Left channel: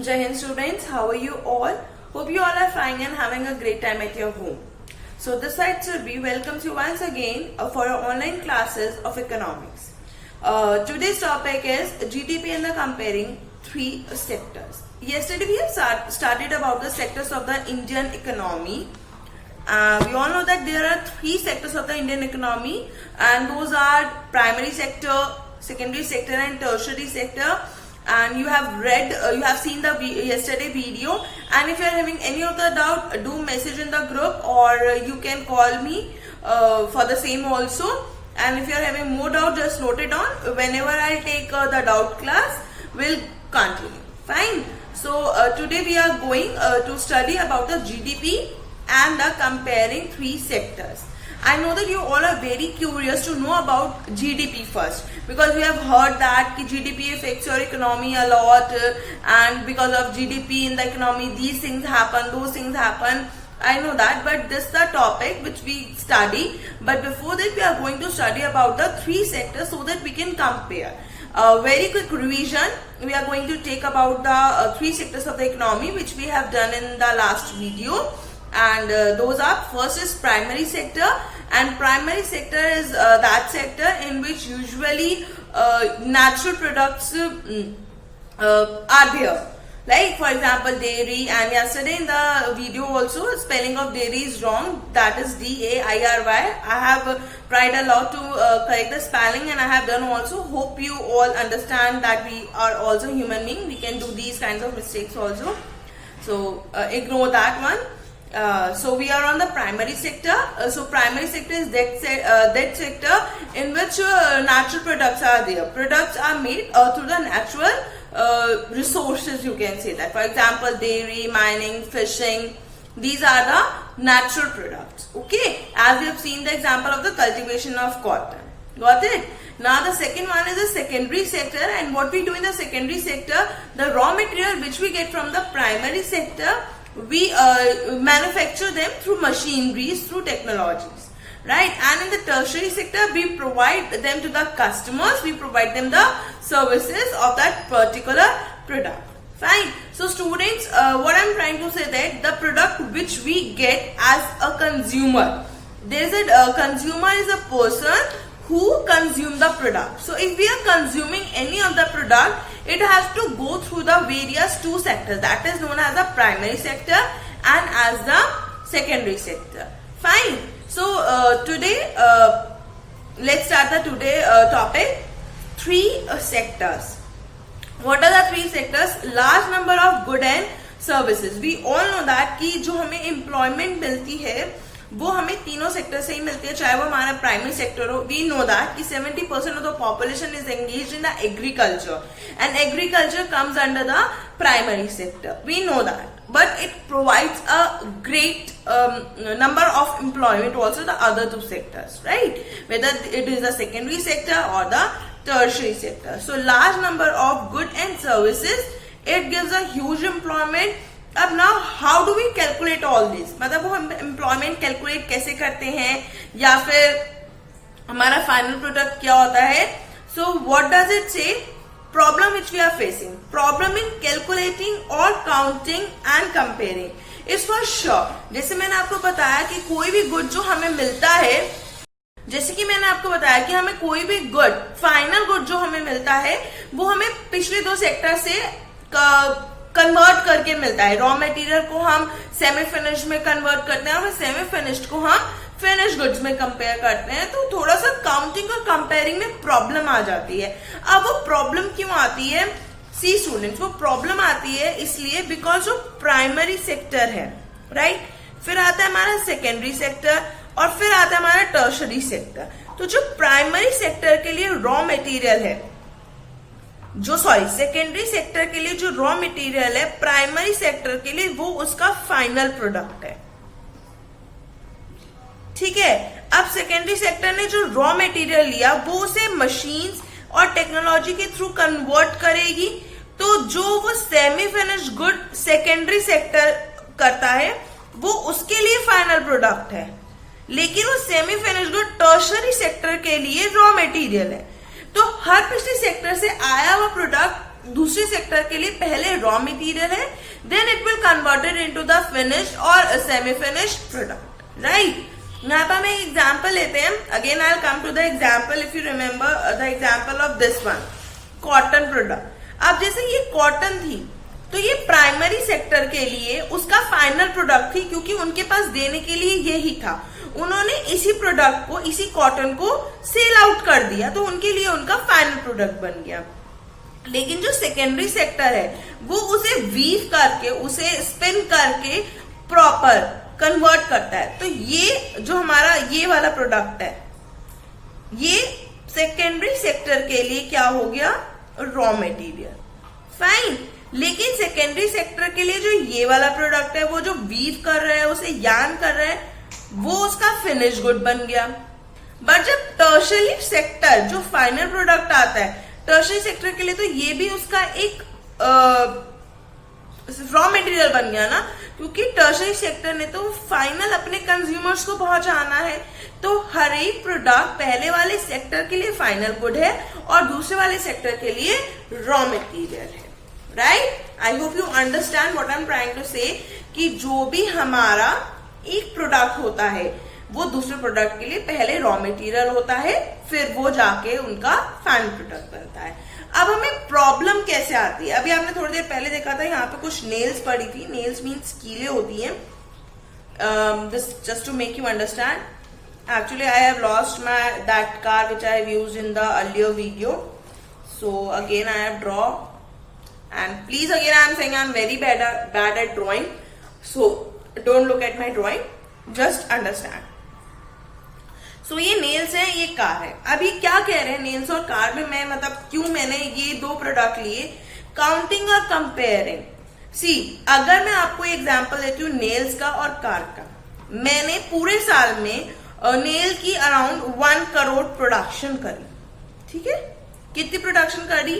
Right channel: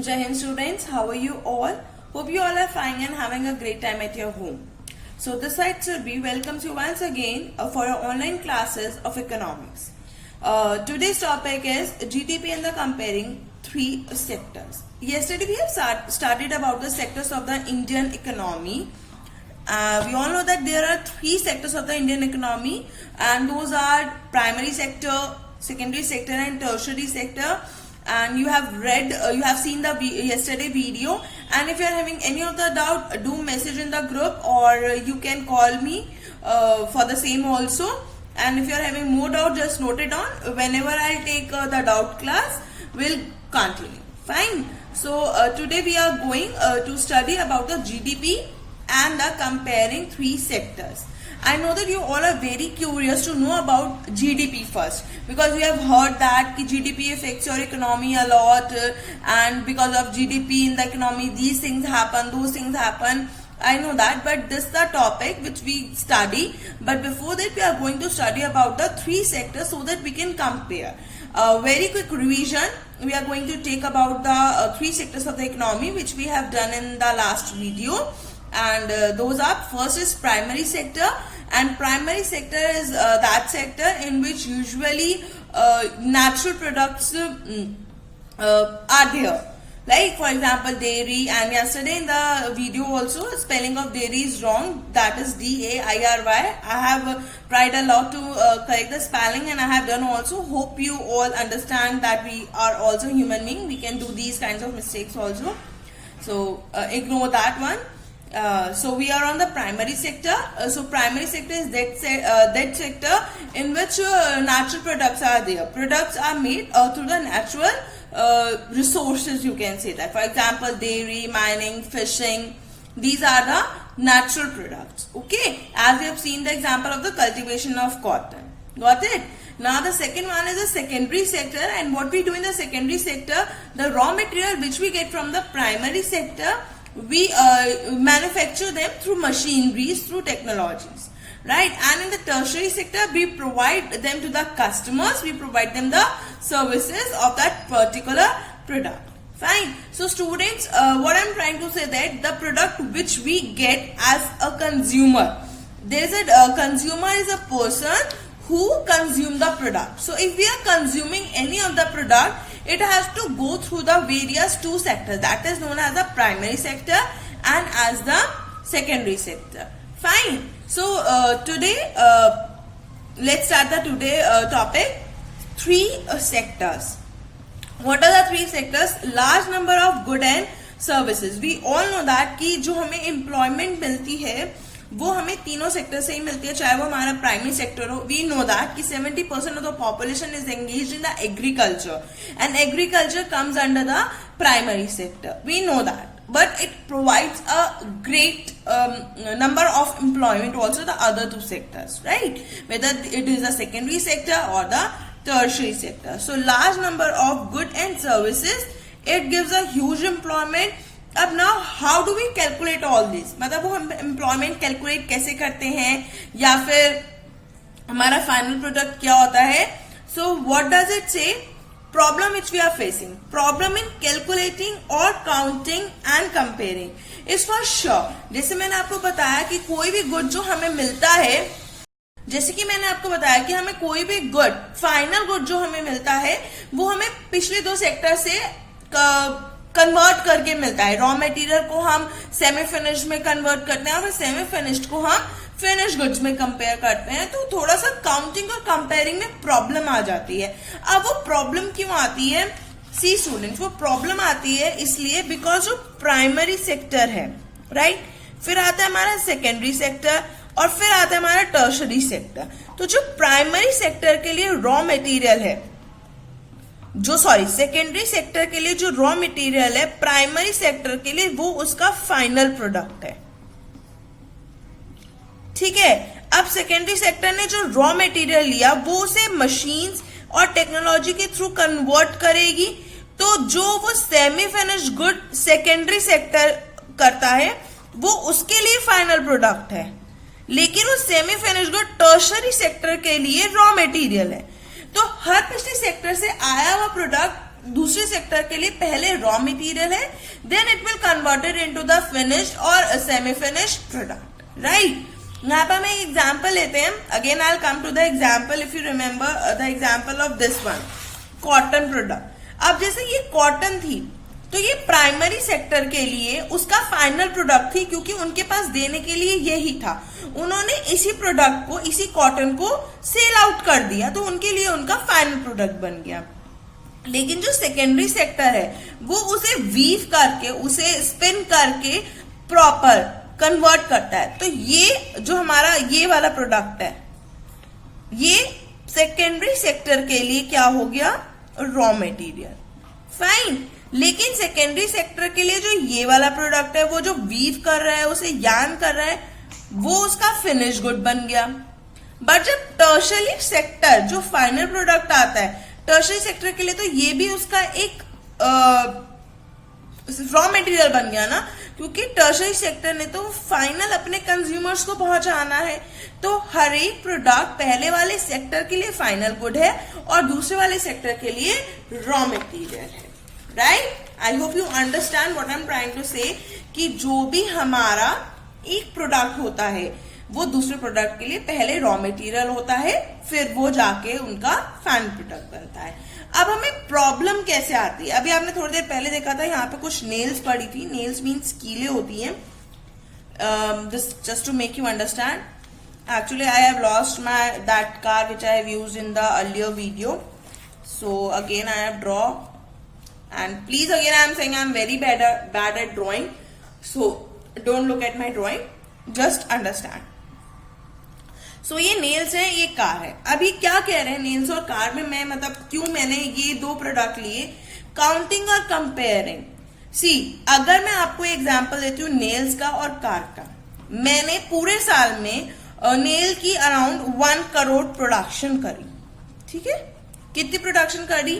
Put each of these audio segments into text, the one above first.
Jai Hind students, how are you all? Hope you all are fine and having a great time at your home. So this side Surbhi welcomes you once again for our online classes of economics. Today's topic is GDP and the comparing three sectors. Yesterday we have started about the sectors of the Indian economy. We all know that there are three sectors of the Indian economy, and those are primary sector, secondary sector and tertiary sector. And you have read, you have seen the yesterday video, and if you are having any of the doubt, do message in the group, or you can call me for the same also. And if you are having more doubt, just note it on. Whenever I take the doubt class, we'll continue. Fine. So today we are going to study about the GDP and the comparing three sectors. I know that you all are very curious to know about GDP first, because we have heard that GDP affects your economy a lot, and because of GDP in the economy these things happen, those things happen. I know that, but this is the topic which we study. But before that, we are going to study about the three sectors so that we can compare. Very quick revision. We are going to take about the three sectors of the economy which we have done in the last video. And those are, first is primary sector, and primary sector is that sector in which usually natural products are there. Like for example dairy, and yesterday in the video also spelling of dairy is wrong, that is DAIRY. I have tried a lot to correct the spelling, and I have done also. Hope you all understand that we are also human beings, we can do these kinds of mistakes also. So ignore that one. So we are on the primary sector. So primary sector is that sector in which natural products are there. Products are made through the natural resources, you can say that. For example, dairy, mining, fishing. These are the natural products. Okay, as we have seen the example of the cultivation of cotton. Got it? Now the second one is the secondary sector, and what we do in the secondary sector, the raw material which we get from the primary sector, we manufacture them through machineries, through technologies, right? And in the tertiary sector, we provide them to the customers, we provide them the services of that particular product. Fine. So students, what I'm trying to say that the product which we get as a consumer, there's a consumer is a person who consume the product. So if we are consuming any of the product, it has to go through the various two sectors, that is known as the primary sector and as the secondary sector. Fine. So today, let's start the today topic, three sectors. What are the three sectors? Large number of good and services. We all know that कि जो हमें employment मिलती है वो हमें तीनों sector से ही मिलती है, चाहे वो हमारा प्राइमरी सेक्टर हो. वी नो दैट कि 70% of the population is engaged in the agriculture, and agriculture comes under the primary sector. We know that, but it provides a great number of employment also the other two sectors, right? Whether it is the secondary sector or the tertiary sector. So large number of good and services, it gives a huge employment. अब now how do we calculate all this, मतलब वो हम employment calculate कैसे करते हैं, या फिर हमारा फाइनल प्रोडक्ट क्या होता है. So what does it say? Problem which we are facing, problem in calculating और counting and comparing is for sure. जैसे मैंने आपको बताया कि कोई भी गुड जो हमें मिलता है, जैसे कि मैंने आपको बताया कि हमें कोई भी गुड, फाइनल गुड जो हमें मिलता है वो हमें पिछले दो सेक्टर से कन्वर्ट करके मिलता है. रॉ मटेरियल को हम सेमी फिनिश में कन्वर्ट करते हैं और सेमी फिनिश्ड को हम फिनिश गुड्स में कंपेयर करते हैं. तो थोड़ा सा काउंटिंग और कंपेयरिंग में प्रॉब्लम आ जाती है. अब वो प्रॉब्लम क्यों आती है? सी स्टूडेंट्स, वो प्रॉब्लम आती है इसलिए बिकॉज वो प्राइमरी सेक्टर है, राइट? फिर आता है हमारा सेकेंडरी सेक्टर, और फिर आता है हमारा टर्शरी सेक्टर. तो जो प्राइमरी सेक्टर के लिए रॉ मटेरियल है, सेकेंडरी सेक्टर के लिए जो रॉ मटेरियल है, प्राइमरी सेक्टर के लिए वो उसका फाइनल प्रोडक्ट है. ठीक है. अब सेकेंडरी सेक्टर ने जो रॉ मटेरियल लिया वो उसे मशीन्स और टेक्नोलॉजी के थ्रू कन्वर्ट करेगी. तो जो वो semi finished good secondary sector करता है वो उसके लिए फाइनल प्रोडक्ट है, लेकिन वो semi finished good tertiary sector के लिए रॉ मटेरियल है. तो हर पिछले सेक्टर से आया हुआ प्रोडक्ट दूसरे सेक्टर के लिए पहले रॉ मटेरियल है, then it will converted into the finished और सेमी फिनिश्ड प्रोडक्ट, राइट। यहाँ पर हम एक एग्जाम्पल लेते हैं। Again I will come to the example. If you remember the example of this one, cotton product. अब जैसे ये कॉटन थी तो ये प्राइमरी सेक्टर के लिए उसका फाइनल प्रोडक्ट थी, क्योंकि उनके पास देने के लिए यही था। उन्होंने इसी प्रोडक्ट को, इसी कॉटन को सेल आउट कर दिया, तो उनके लिए उनका फाइनल प्रोडक्ट बन गया। लेकिन जो सेकेंडरी सेक्टर है वो उसे वीव करके, उसे स्पिन करके प्रॉपर कन्वर्ट करता है। तो ये जो हमारा ये वाला प्रोडक्ट है, ये सेकेंडरी सेक्टर के लिए क्या हो गया, रॉ मटेरियल, फाइन। लेकिन सेकेंडरी सेक्टर के लिए जो ये वाला प्रोडक्ट है, वो जो वीव कर रहा है, उसे यार्न कर रहा है, वो उसका फिनिश गुड बन गया। बट जब टर्शरी सेक्टर, जो फाइनल प्रोडक्ट आता है टर्शरी सेक्टर के लिए, तो ये भी उसका एक रॉ मटेरियल बन गया ना, क्योंकि टर्शरी सेक्टर ने तो फाइनल अपने कंज्यूमर्स को पहुंचाना है। तो हर एक प्रोडक्ट पहले वाले सेक्टर के लिए फाइनल गुड है और दूसरे वाले सेक्टर के लिए रॉ मटेरियल है, right. I hope you understand what I am trying to say, कि जो भी हमारा एक प्रोडक्ट होता है वो दूसरे प्रोडक्ट के लिए पहले रॉ मटेरियल होता है, फिर वो जाके उनका फाइनल प्रोडक्ट बनता है। अब हमें प्रॉब्लम कैसे आती है, अभी आपने थोड़ी देर पहले देखा था यहाँ पे कुछ नेल्स पड़ी थी। नेल्स मीन्स कीले होती हैं। Just to make you understand, actually I have lost that car which I have used in the earlier video, so again I have draw, and please again I am saying I am very bad at drawing, so don't look at my drawing, just understand. So ये nails है, ये car है। अभी क्या कह रहे हैं nails और कार में, मैं मतलब क्यों मैंने ये दो प्रोडक्ट लिए, काउंटिंग और कंपेयरिंग। सी, अगर मैं आपको एग्जांपल देती हूँ नेल्स का और कार का, मैंने पूरे साल में नेल की अराउंड 1 करोड़ प्रोडक्शन करी, ठीक है। कितनी प्रोडक्शन करी,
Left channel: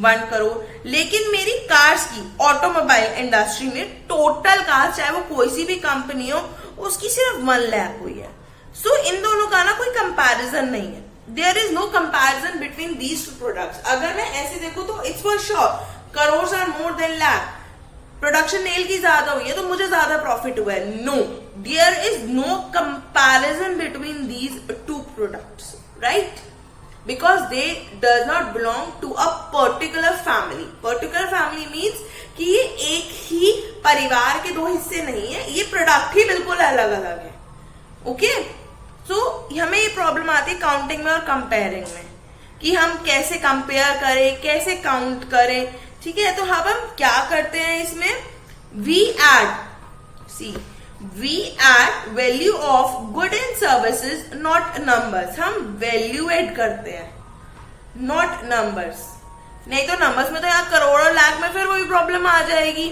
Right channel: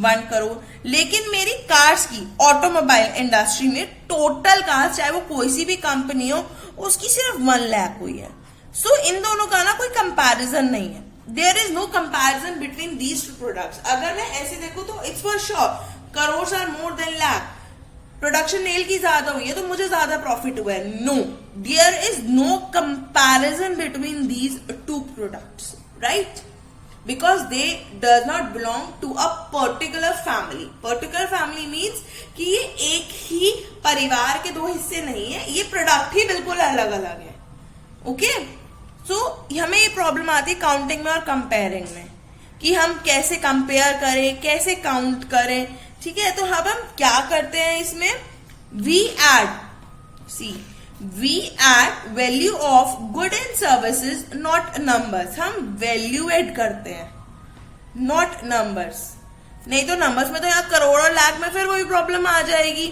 1 करोड़। लेकिन मेरी कार्स की ऑटोमोबाइल इंडस्ट्री में टोटल कार, चाहे वो कोई सी भी कंपनी हो, उसकी सिर्फ 1 लाख हुई है। सो इन दोनों का ना कोई कंपैरिजन नहीं है। There is no comparison between these two products. अगर मैं ऐसे देखूं तो it's for sure crore are more than lakh. Production nail की ज्यादा हुई है तो मुझे ज्यादा प्रॉफिट हुआ है। No, there is no comparison between these two products, right, because they does not belong to a particular family. Particular family means कि ये एक ही परिवार के 2 हिस्से नहीं है, ये प्रोडक्ट ही बिल्कुल अलग अलग है। ओके, सो हमें ये प्रॉब्लम आती है काउंटिंग में और कंपेयरिंग में, कि हम कैसे कंपेयर करें, कैसे काउंट करें, ठीक है। तो अब हम क्या करते हैं इसमें, we add value of good and services, not numbers. हम वैल्यू एड करते हैं, नॉट नंबर्स। नहीं तो नंबर्स में तो यहाँ करोड़ और लाख में फिर वही प्रॉब्लम आ जाएगी।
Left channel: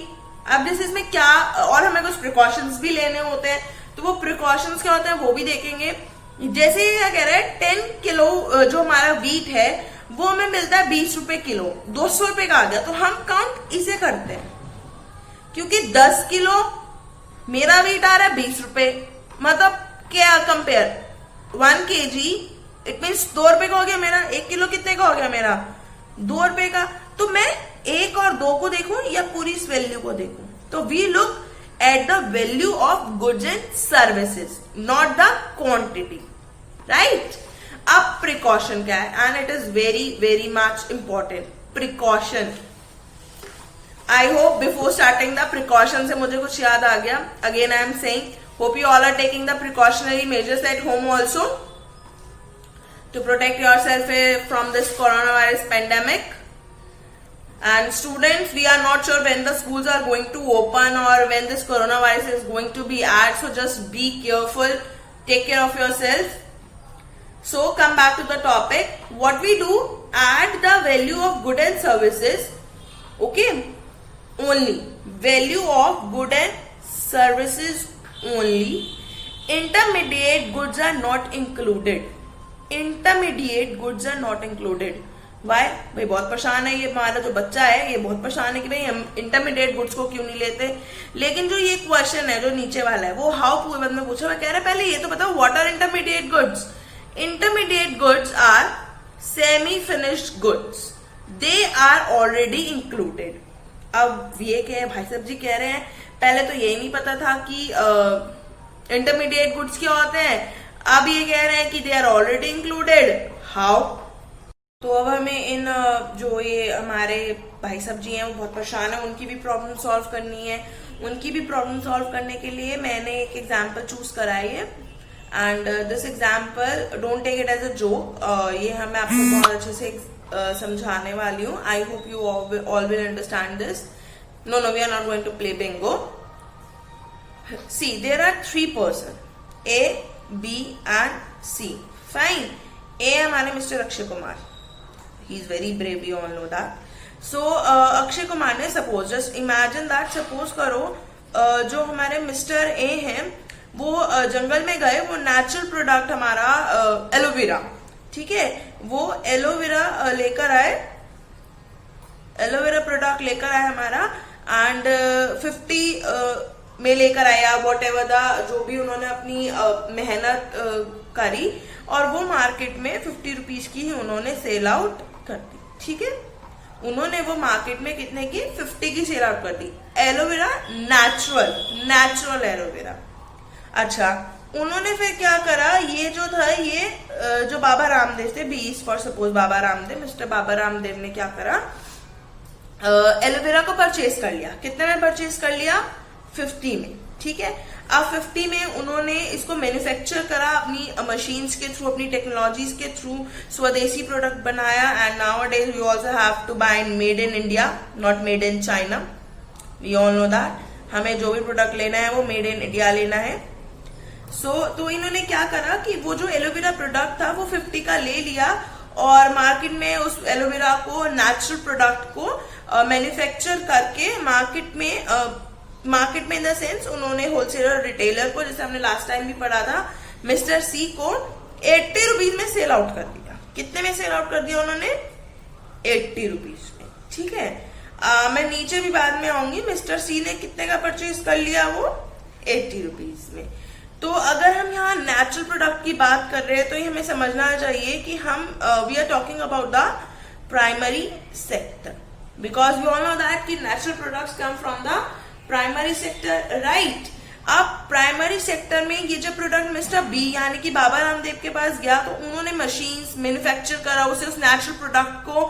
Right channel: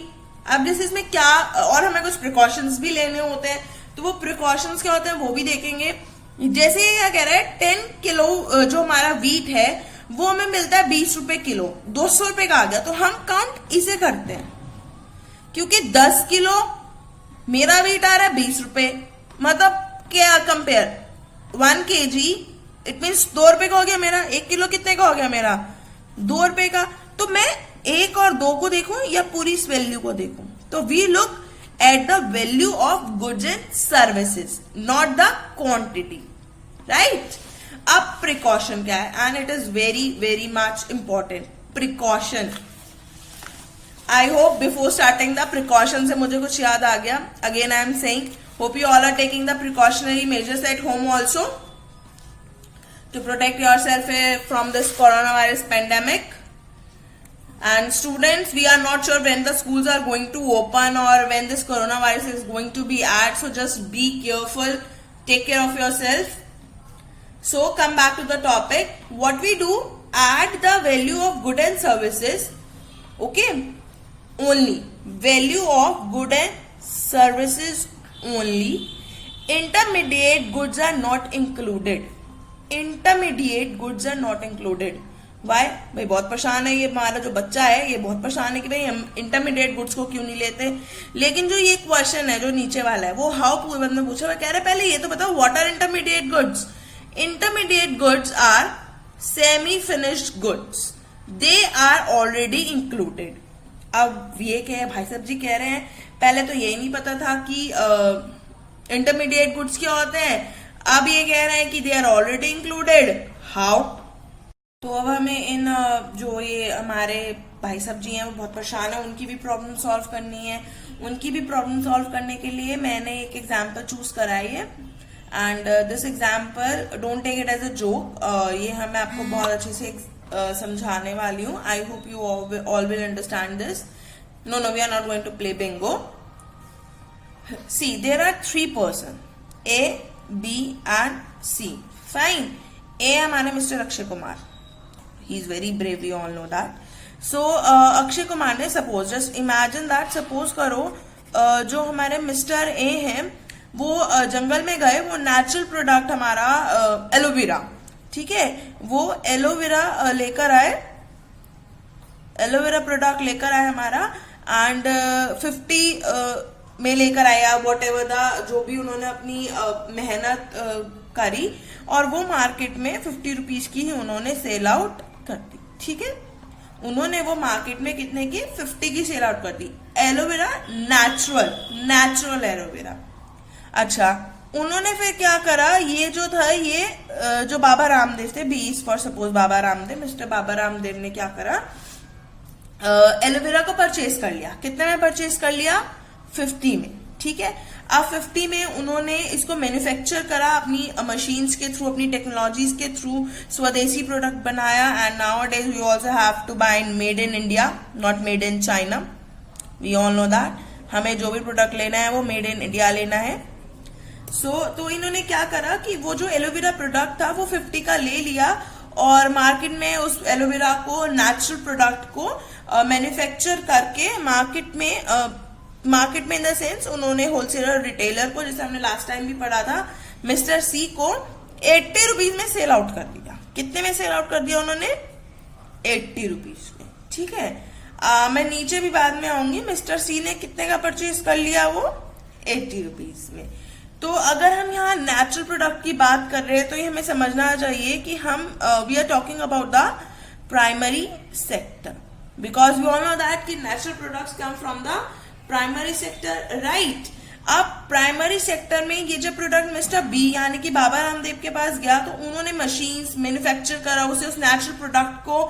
अब जैसे इसमें क्या, और हमें कुछ प्रिकॉशंस भी लेने होते हैं, तो वो प्रिकॉशंस क्या होते हैं वो भी देखेंगे। जैसे ये कह रहे हैं 10 किलो जो हमारा वीट है वो हमें मिलता है 20 रुपए किलो, 200 रुपए का आ गया, तो हम काउंट इसे करते हैं, क्योंकि 10 किलो मेरा वीट आ रहा है 20 रुपए, मतलब क्या कंपेयर 1 kg इट मीन्स 2 रुपए का हो गया मेरा। 1 किलो कितने का हो गया मेरा, 2 रुपए का। तो मैं 1 और 2 को देखूं या पूरी इस वैल्यू को देखूं, तो we look at the value of goods and services, not the quantity, right? अब precaution क्या है, and it is very much important. Precaution. I hope before starting the precaution से मुझे कुछ याद आ गया. Again I am saying, hope you all are taking the precautionary measures at home also to protect yourself from this coronavirus pandemic. And students, we are not sure when the schools are going to open or when this coronavirus is going to be at, so just be careful, take care of yourself. So come back to the topic. What we do, add the value of good and services, okay, only value of good and services only. Intermediate goods are not included. Intermediate goods are not included. Why भाई बहुत परेशान है ये हमारा जो बच्चा है, ये बहुत परेशान है कि भाई हम इंटरमीडिएट गुड्स को क्यों नहीं लेते। लेकिन जो ये क्वेश्चन है जो नीचे वाला है वो हाउ पूर्व में पूछा, मैं कह रहा पहले ये तो बताओ what are intermediate goods. Intermediate goods are semi finished goods, they are already included. अब ये क्या भाई साहब जी कह रहे हैं, पहले तो यही नहीं पता था कि इंटरमीडिएट गुड्स क्या होते हैं, अब ये कह रहे हैं कि they are already included, how? तो अब हमें इन जो ये हमारे भाई साहब जी हैं वो बहुत परेशान है, उनकी भी प्रॉब्लम सॉल्व करनी है। उनकी भी प्रॉब्लम सॉल्व करने के लिए मैंने एक एग्जाम्पल चूज कराई है, and this example don't take it as a joke, ये मैं आपको बहुत अच्छे से समझाने वाली हूँ। I hope you all will understand this. No we are not going to play bingo. See there are 3 person, A, B and C. Fine. A हमारे mister Akshay Kumar, he is very brave, we all know that. So Akshay Kumar ने suppose, just imagine that, suppose करो जो हमारे mister A हैं वो जंगल में गए, वो नेचुरल प्रोडक्ट हमारा एलोवेरा, ठीक है, वो एलोवेरा लेकर आए, एलोवेरा प्रोडक्ट लेकर आए हमारा, एंड 50 में लेकर आया, वॉट एवर द जो भी उन्होंने अपनी मेहनत करी, और वो मार्केट में 50 रुपीज की ही उन्होंने सेल आउट कर दी, ठीक है। उन्होंने वो मार्केट में कितने की, 50 की सेल आउट कर दी। Aloe vera natural aloe vera. अच्छा, उन्होंने फिर क्या करा, ये जो था, ये जो बाबा रामदेव थे, 20 for suppose Baba Ramdev, mister Baba Ramdev ने क्या करा, एलोवेरा को परचेज कर लिया। कितने में परचेज कर लिया, 50 में, ठीक है। अब 50 में उन्होंने इसको मैन्युफैक्चर करा अपनी मशीन्स के थ्रू, अपनी टेक्नोलॉजीज के थ्रू, स्वदेशी प्रोडक्ट बनाया, and nowadays we also have to buy made in India, not made in China, we all know that. हमें जो भी प्रोडक्ट लेना है वो मेड इन इंडिया लेना है। तो इन्होंने क्या करा कि वो जो एलोवेरा प्रोडक्ट था वो 50 का ले लिया, और मार्केट में उस एलोवेरा को, नेचुरल प्रोडक्ट को मैन्युफैक्चर करके मार्केट में इन द सेंस उन्होंने होलसेलर, रिटेलर को, जैसे हमने लास्ट टाइम भी पढ़ा था, मिस्टर सी को 80 रुपीज में सेल आउट कर दिया। कितने में सेल आउट कर दिया उन्होंने, 80 रुपीज में, ठीक है। मैं नीचे भी बाद में आऊंगी, मिस्टर सी ने कितने का परचेज कर लिया, वो 80 रुपीज में। तो अगर हम यहाँ नेचुरल प्रोडक्ट की बात कर रहे हैं तो ये हमें समझना चाहिए कि हम we are talking about the primary sector, because we all know that कि natural products come from the primary sector, right. अब प्राइमरी सेक्टर में ये जो प्रोडक्ट मिस्टर बी यानी कि बाबा रामदेव के पास गया, तो उन्होंने मशीन्स मैन्युफैक्चर करा, उसे उस नेचुरल प्रोडक्ट को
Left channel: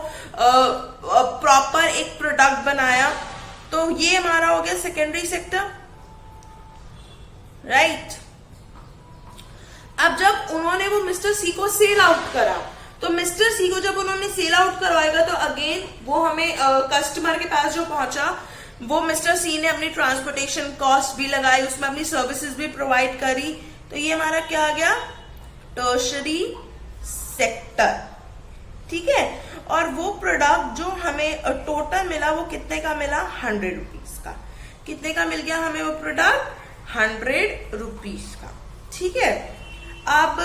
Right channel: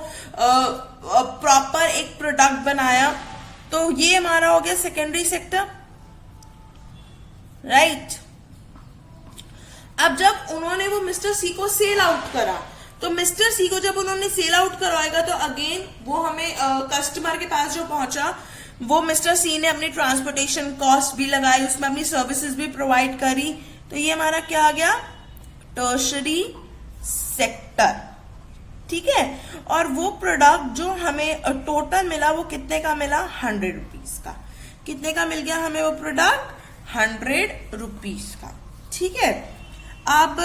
प्रॉपर एक प्रोडक्ट बनाया, तो ये हमारा हो गया सेकेंडरी सेक्टर, राइट। अब जब उन्होंने वो मिस्टर सी को सेल आउट करा, तो मिस्टर सी को जब उन्होंने सेल आउट करवाएगा तो अगेन वो हमें कस्टमर के पास जो पहुंचा, वो मिस्टर सी ने अपनी ट्रांसपोर्टेशन कॉस्ट भी लगाई, उसमें अपनी सर्विसेज भी प्रोवाइड करी, तो ये हमारा क्या आ गया, टर्शरी सेक्टर, ठीक है। और वो प्रोडक्ट जो हमें टोटल मिला वो कितने का मिला, 100 रुपीज का। कितने का मिल गया हमें वो प्रोडक्ट, 100 रुपीज का, ठीक है। अब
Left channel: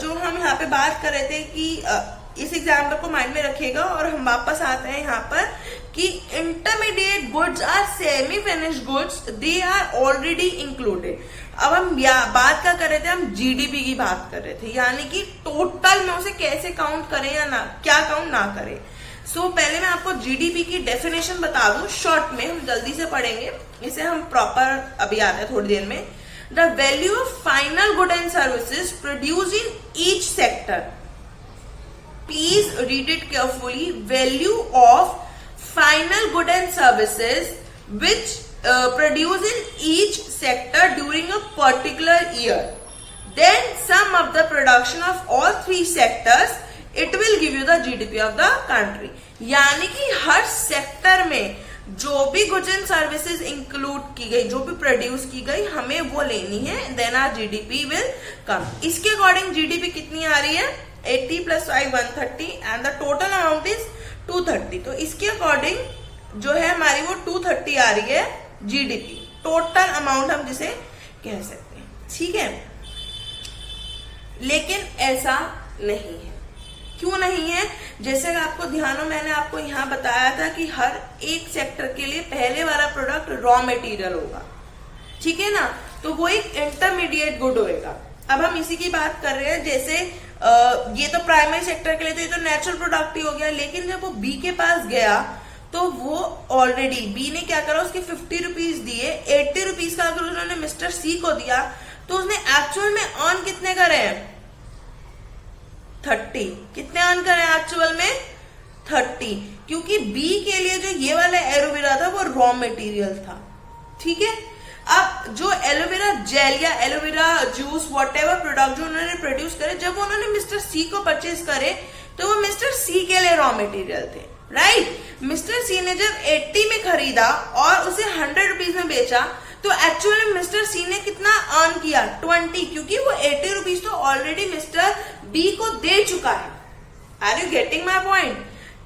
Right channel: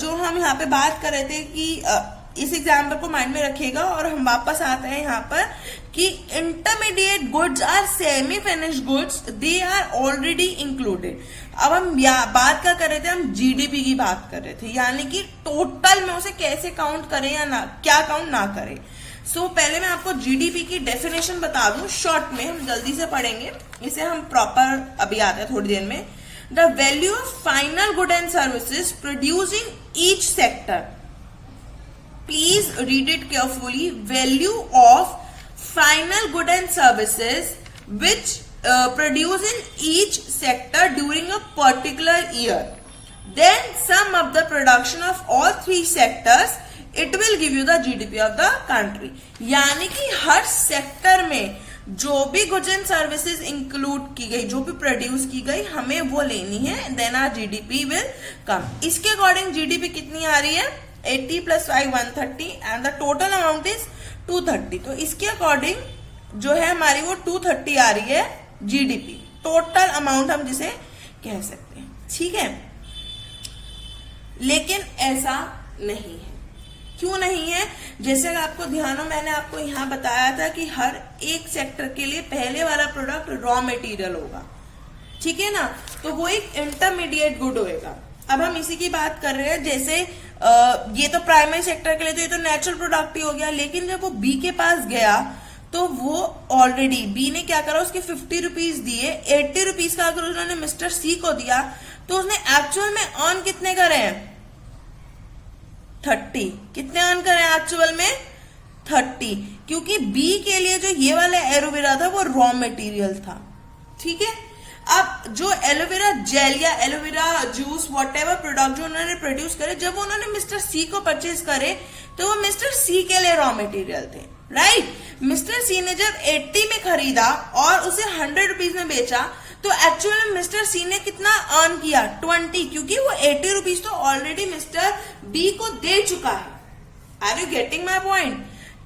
जो हम यहाँ पे बात कर रहे थे कि इस एग्जाम्पल को माइंड में रखिएगा, और हम वापस आते हैं यहाँ पर कि intermediate goods are semi finished goods, they are already included. अब हम बात क्या कर रहे थे, हम जीडीपी की बात कर रहे थे, यानी कि टोटल में उसे कैसे काउंट करें या ना, क्या काउंट ना करें। पहले मैं आपको जीडीपी की डेफिनेशन बता दूं शॉर्ट में, हम जल्दी से पढ़ेंगे, इसे हम प्रॉपर अभी आते हैं थोड़ी देर में। The value of final good and services produced in each sector. Please read it carefully. Value of final good and services which produced in each sector during a particular year. Then sum up the production of all 3 sectors. It will give you the GDP of the country. यानी कि हर sector में जो भी goods and services include की गई, जो भी produce की गई, हमें वो लेनी है, then our GDP will come. इसके अकॉर्डिंग जीडीपी कितनी आ रही है, 80 + 5 130, and the total amount is 230। तो इसके अकॉर्डिंग जो है हमारी वो 230 आ रही है जीडीपी, टोटल अमाउंट हम जिसे कह सकते हैं, ठीक है। लेकिन ऐसा नहीं है, क्यों नहीं है, जैसे आपको ध्यान हो, मैंने आपको यहाँ बताया था कि हर एक सेक्टर के लिए पहले वाला प्रोडक्ट रॉ मटेरियल होगा, ठीक है ना, तो वो एक इंटरमीडिएट गुड होएगा। अब हम इसी की बात कर रहे हैं, जैसे ये तो प्राइमरी सेक्टर के लिए तो ये तो नेचुरल प्रोडक्ट ही हो गया, लेकिन जब वो बी के पास गया तो वो ऑलरेडी बी ने क्या करा, उसके 50 रुपीज दिए, 80 रुपीज का अगर उन्होंने मिस्टर सी को दिया तो उसने एक्चुअल में अर्न कितने करे हैं, 30। कितने अर्न करे एक्चुअल में, 30, क्योंकि बी के लिए जो ये वाला एलोवेरा था वो रॉ मटेरियल था, ठीक है। अब जो एलोवेरा जेल या एलोवेरा जूस वॉटेवर प्रोडक्ट जो उन्होंने प्रोड्यूस करे, जब उन्होंने मिस्टर सी को परचेज करे तो वो मिस्टर सी के लिए रॉ मटेरियल थे, राइट। मिस्टर सी ने जब 80 में खरीदा और उसे 100 रुपीज में बेचा तो एक्चुअल में मिस्टर सी ने कितना अर्न किया, 20, क्योंकि वो 80 रुपीज तो ऑलरेडी मिस्टर बी को दे चुका है। Are you getting my point,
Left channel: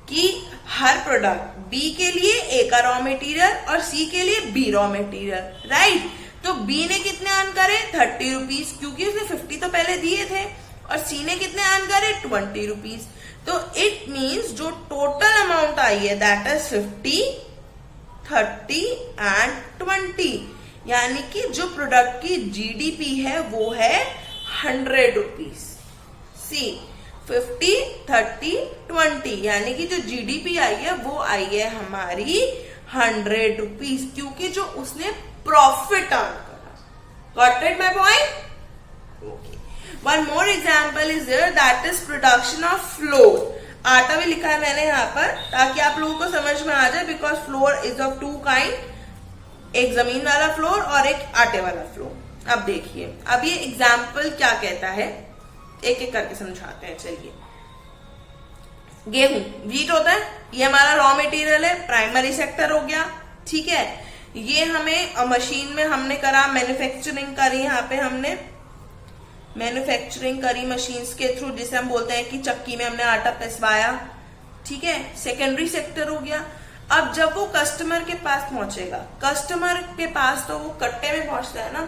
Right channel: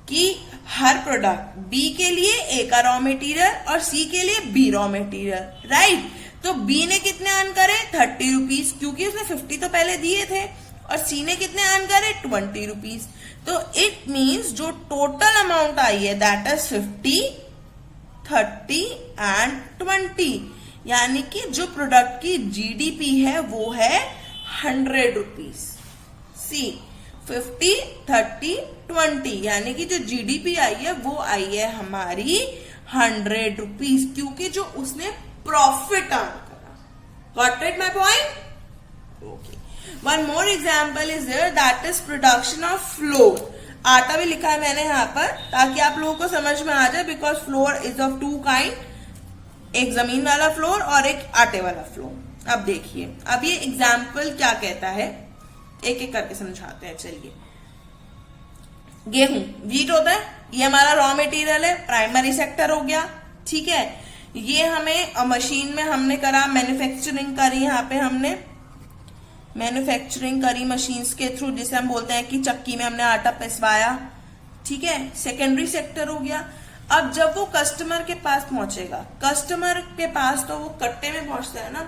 कि हर प्रोडक्ट बी के लिए ए का रॉ मटेरियल और सी के लिए बी रॉ मटेरियल, राइट। तो बी ने कितने अर्न करे, 30 रुपीज, क्योंकि उसने 50 तो पहले दिए थे, और सी ने कितने अर्न करे, 20 रुपीज। तो इट मीन्स जो टोटल अमाउंट आई है दैट इज 50, 30 एंड 20, यानी कि जो प्रोडक्ट की जीडीपी है वो है 100 रुपीज। सी 50, 30, 20, यानी कि जो जीडीपी आई है वो आई है हमारी 100 रुपीज, क्योंकि जो उसने प्रॉफिट अर्न करा। Got it my point? One more example is there, that is production of flour. आटा भी लिखा है मैंने यहाँ पर ताकि आप लोगों को समझ में आ जाए, because floor is of 2 kind, एक जमीन वाला फ्लोर और एक आटे वाला फ्लोर। अब देखिए, अब ये एग्जाम्पल क्या कहता है, एक एक करके समझाते हैं। चलिए, गेहूं वीट होता है, ये हमारा रॉ मटेरियल है, प्राइमरी सेक्टर हो गया, ठीक है। ये हमें मशीन में हमने करा, मैन्युफैक्चरिंग करी, यहाँ पे हमने मैन्युफैक्चरिंग करी मशीन्स के थ्रू, जिसे हम बोलते हैं कि चक्की में हमने आटा पिसवाया, ठीक है। सेकेंडरी सेक्टर हो गया। अब जब वो कस्टमर के पास पहुंचेगा, कस्टमर के पास तो वो कट्टे में पहुंचता है ना,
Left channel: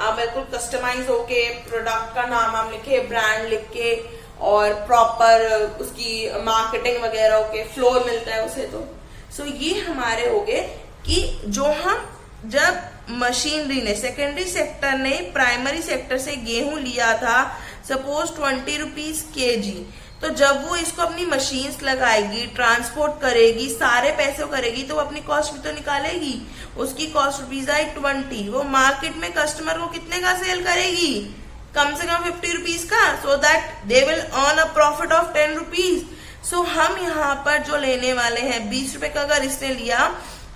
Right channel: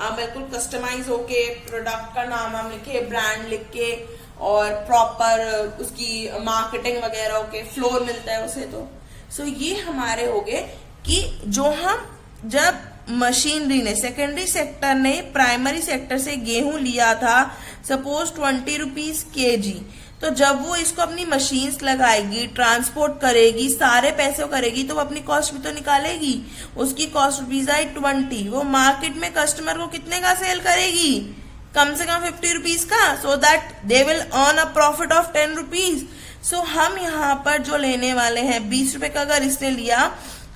आप बिल्कुल कस्टमाइज होके प्रोडक्ट का नाम हम लिखे, ब्रांड लिख के, और प्रॉपर उसकी मार्केटिंग वगैरह होके फ्लोर मिलता है उसे। तो सो ये हमारे हो गए कि जो हम जब मशीनरी ने, सेकेंडरी सेक्टर ने प्राइमरी सेक्टर से गेहूं लिया था, सपोज 20 रुपीज केजी, तो जब वो इसको अपनी मशीन्स लगाएगी, ट्रांसपोर्ट करेगी, सारे पैसे करेगी, तो वो अपनी कॉस्ट भी तो निकालेगी। उसकी कॉस्ट रुपीज आई 20, वो मार्केट में कस्टमर को कितने का सेल करेगी, कम से कम 50 रुपीज का, so that they will earn a profit of 10 rupees. So हम यहाँ पर जो लेने वाले हैं 20 रुपए का, अगर इसने लिया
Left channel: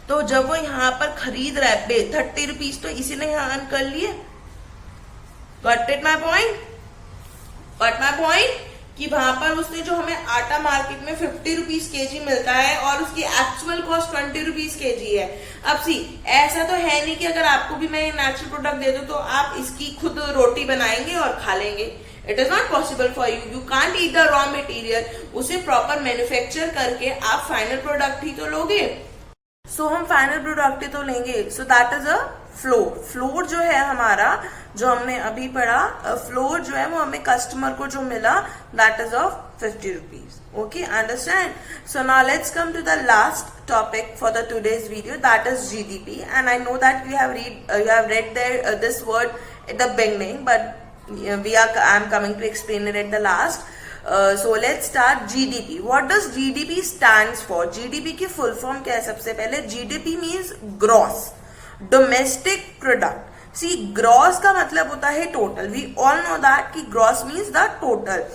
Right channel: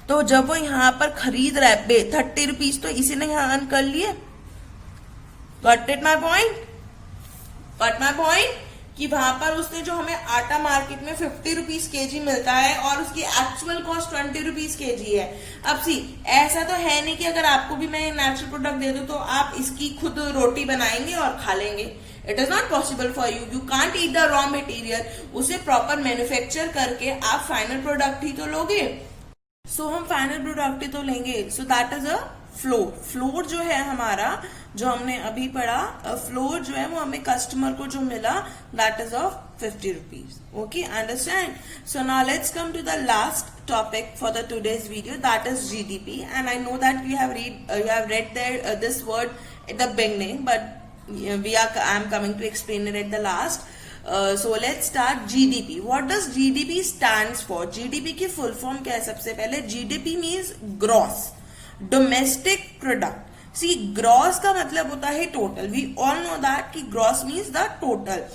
तो जब वो यहाँ पर खरीद रहा है 30 रुपीज, तो इसी ने यहाँ अर्न कर लिए। Got it my point? Got my point? कि वहां पर उसने जो हमें आटा मार्केट में 50 रुपीज केजी मिलता है और उसकी एक्चुअल कॉस्ट 20 रुपीज केजी है। अब सी, ऐसा तो है नहीं कि अगर आपको भी मैं नेचुरल प्रोडक्ट दे दूं तो आप इसकी खुद रोटी बनाएंगे और खा लेंगे। It is not possible for you, you can't eat the raw material. उसे प्रॉपर मैन्युफैक्चर करके आप फाइनल प्रोडक्ट ही तो लोगे। सो हम फाइनल प्रोडक्ट ही तो लेंगे। So that is a floor. Floor जो है हमारा, जो हमने अभी पढ़ा, फ्लोर जो है वो हमें कस्टमर को जो मिला, that is of 50 rupees. Okay, understand? So now let's come to the last topic for the today's video, that is GDP. And I know that you have read this word at the beginning, but I'm coming to explain it at the last. So let's start GDP. What does GDP stands for? GDP की full form क्या है? सबसे पहले GDP means gross domestic product. See, gross का मतलब होता है total. We all know that कि gross means the total.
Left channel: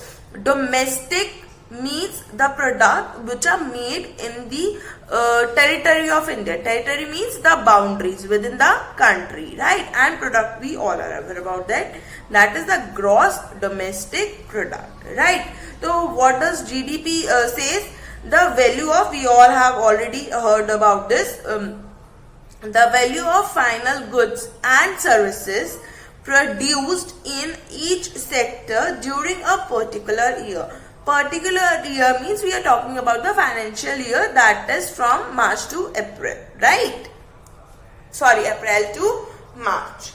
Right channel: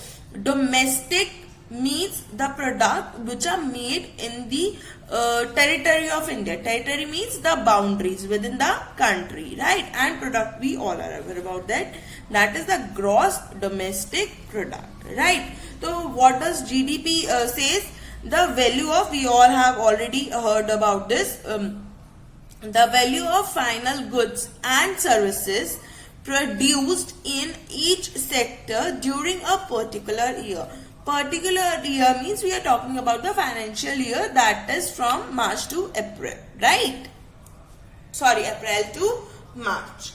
Domestic means the product which are made in the territory of India. Territory means the boundaries within the country, right? And product, we all are aware about that. That is the gross domestic product, right? So what does GDP says? The value of, we all have already heard about this, the value of final goods and services produced in each sector during a particular year. Particular year means we are talking about the financial year, that is from March to April, right? Sorry, April to March,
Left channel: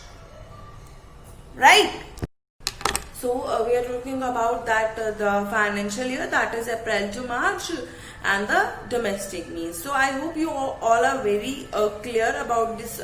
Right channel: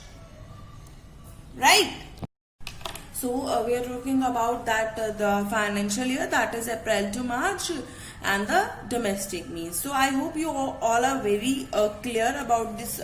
right? So we are talking about that the financial year, that is April to March, and the domestic means. So I hope you all are very clear about this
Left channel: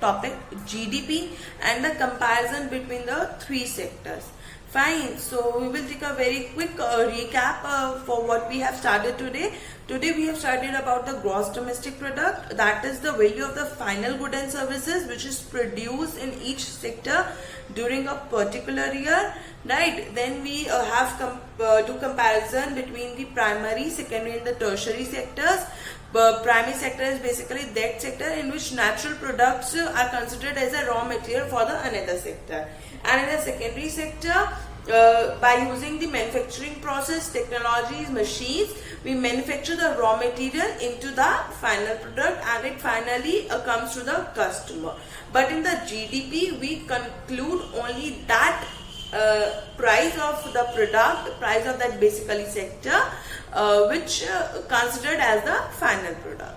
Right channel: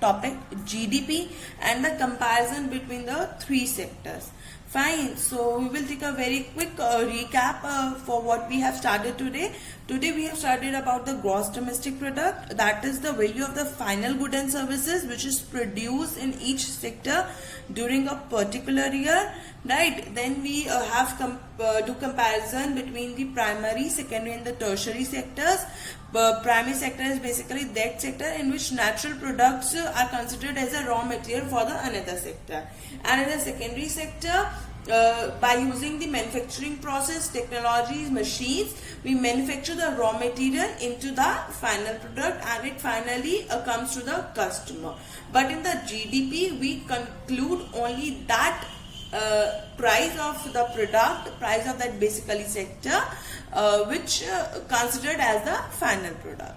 topic, GDP, and the comparison between the three sectors. Fine. So we will take a very quick recap for what we have started today. Today we have studied about the gross domestic product. That is the value of the final good and services which is produced in each sector during a particular year. Right. Then we have do comparison between the primary, secondary and the tertiary sectors. Primary sector is basically that sector in which natural products are considered as a raw material for the another sector. And in the secondary sector, by using the manufacturing process, technologies, machines, we manufacture the raw material into the final product and it finally comes to the customer. But in the GDP, we conclude only that price of the product, price of that basically sector, which considered as the final product.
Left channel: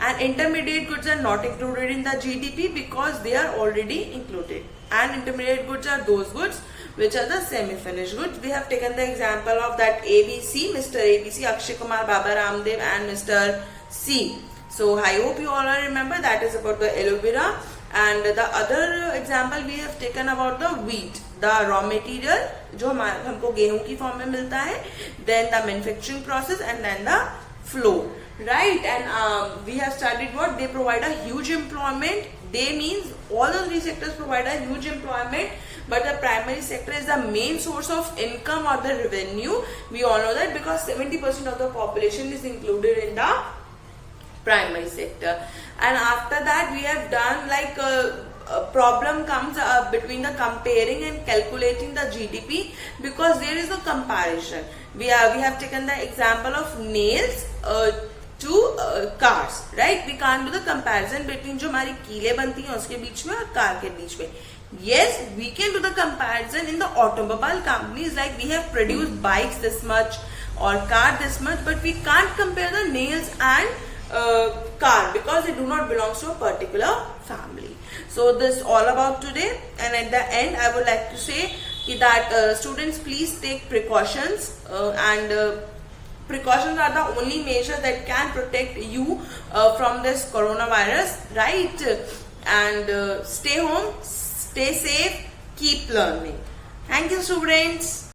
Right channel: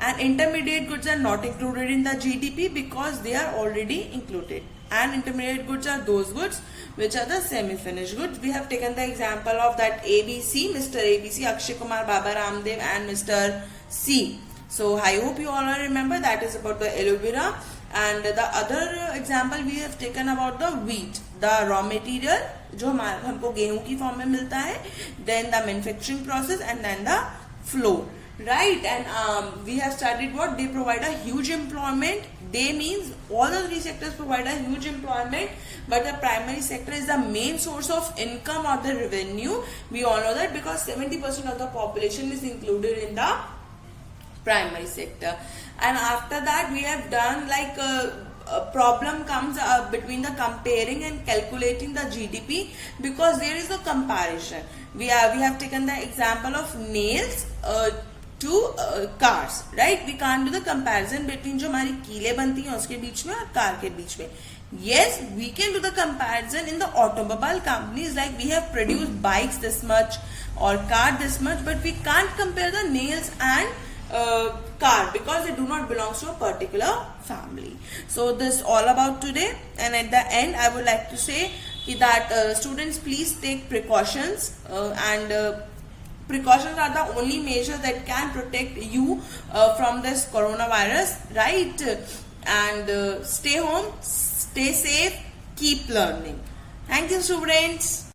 And intermediate goods are not included in the GDP because they are already included. And intermediate goods are those goods which are the semi-finished goods. We have taken the example of that ABC, Mr. ABC, Akshay Kumar, Baba Ramdev and Mr. C. So I hope you all remember that is about the aloe vera. And the other example we have taken about the wheat, the raw material जो हमको गेहूं की form में मिलता है, then the manufacturing process and then the flow, right? And we have studied what they provide a huge employment. They means all the three sectors provide a huge employment, but the primary sector is the main source of income or the revenue. We all know that because 70% of the population is included in the primary sector. And after that we have done like a problem comes between the comparing and calculating the GDP because there is a comparison. We have taken the example of nails to cars, right? We can't do the comparison between जो हमारी कीलें बनती हैं उसके बीच में और car के बीच में. Yes, we can do the comparison in the automobile companies, like we have produced bikes this much or car this much, but we can't compare the nails and car because they do not belong to a particular family. So this all about today, and at the end I would like to say that students please take precautions and precautions are the only measure that can protect you from this coronavirus, right? And stay home, stay safe, keep learning. Thank you, students.